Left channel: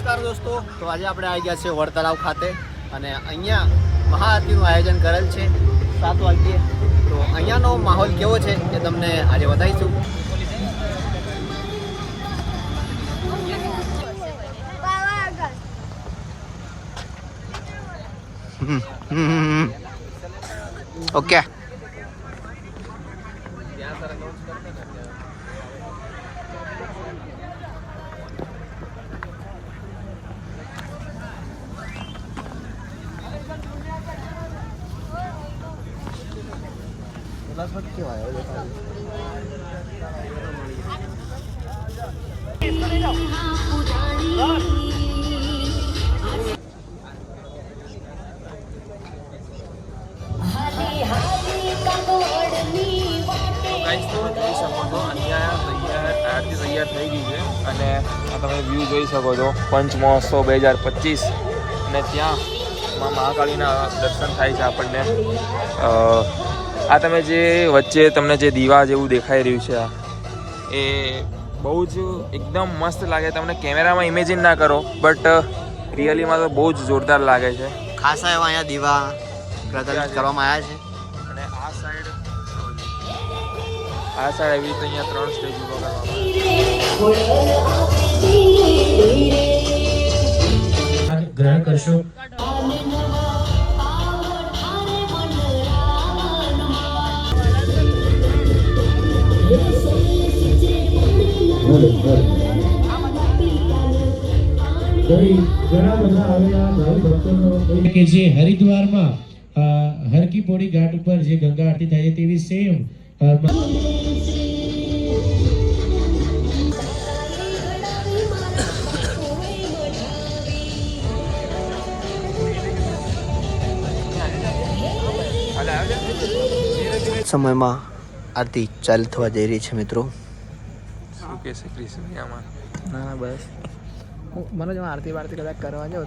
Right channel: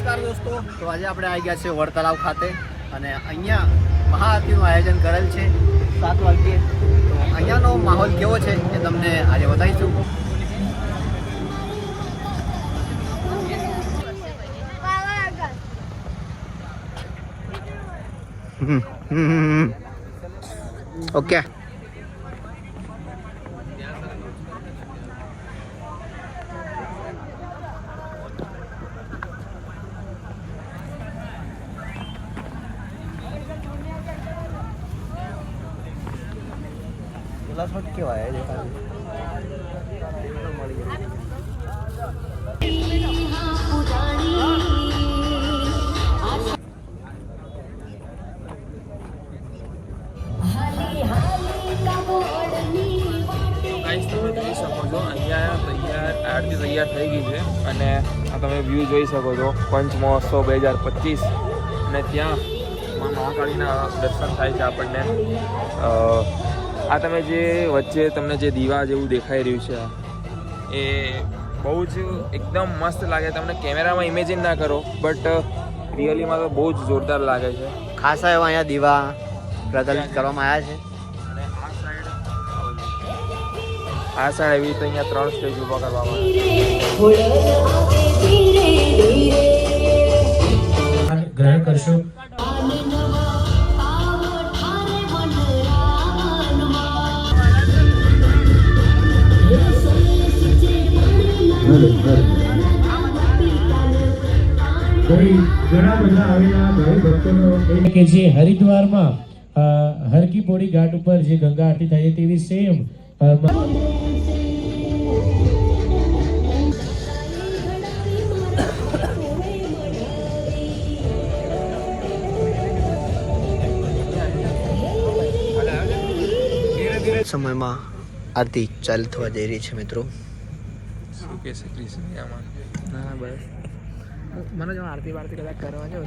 નમસ્કાર દોસ્તો, તો આજે આપણે આવી ગયા છે વડ તળાવ ખાતે અને અહીંયા મહાઆરતીનું આયોજન કરેલ છે 7 વાગ્યે. તો અહીંયાનો માહોલ કેવો છે એ તમને આજે બતાવીશું. ઓકે, કેવા ગાઈસ તમે જોઈ શકો છો અહીંયા આરતી તૈયાર થઈ ગઈ છે અને આ તમે વ્યૂ જોઈ શકો છો પંચ મહોત્સવ 2025 અને ત્યાં મહાકાળીના દર્શન થાય છે આપણને. આ તમે જે વચ્ચે તમને જે દીવા જેવું દેખાઈ રહ્યું છે એ બહુ જ એકદમ મસ્ત લાગે. તમને કેમેરામાં ઇમેજિન ના કરો બટ રિયલીમાં તો બહુ જ જોરદાર લાગે છે. ખાસા એવા અહીંયા દીવા પ્રજ્વલિત કરવામાં આવ્યા છે અને આ સાઈડ એવી રીતે અહીંયા 3 સ્ટેજ ઉભા કરવામાં ગ્રહણ કરશો. ઘણા બધા આવેલા ભાઈ ભક્તોનો કે જે હરિદ્વારમાં હર કી પૌડી ઘાટ ઉપર જે ગંગા આરતી થાય છે તેવી સેમ સમયમાં આરતી ચાલુ થવા જઈ રહી છે મિત્રો. શું કહે છે પ્લીઝ આમાં? ના બસ મને જો આરતી વારતી કદાચ કરવા જાવ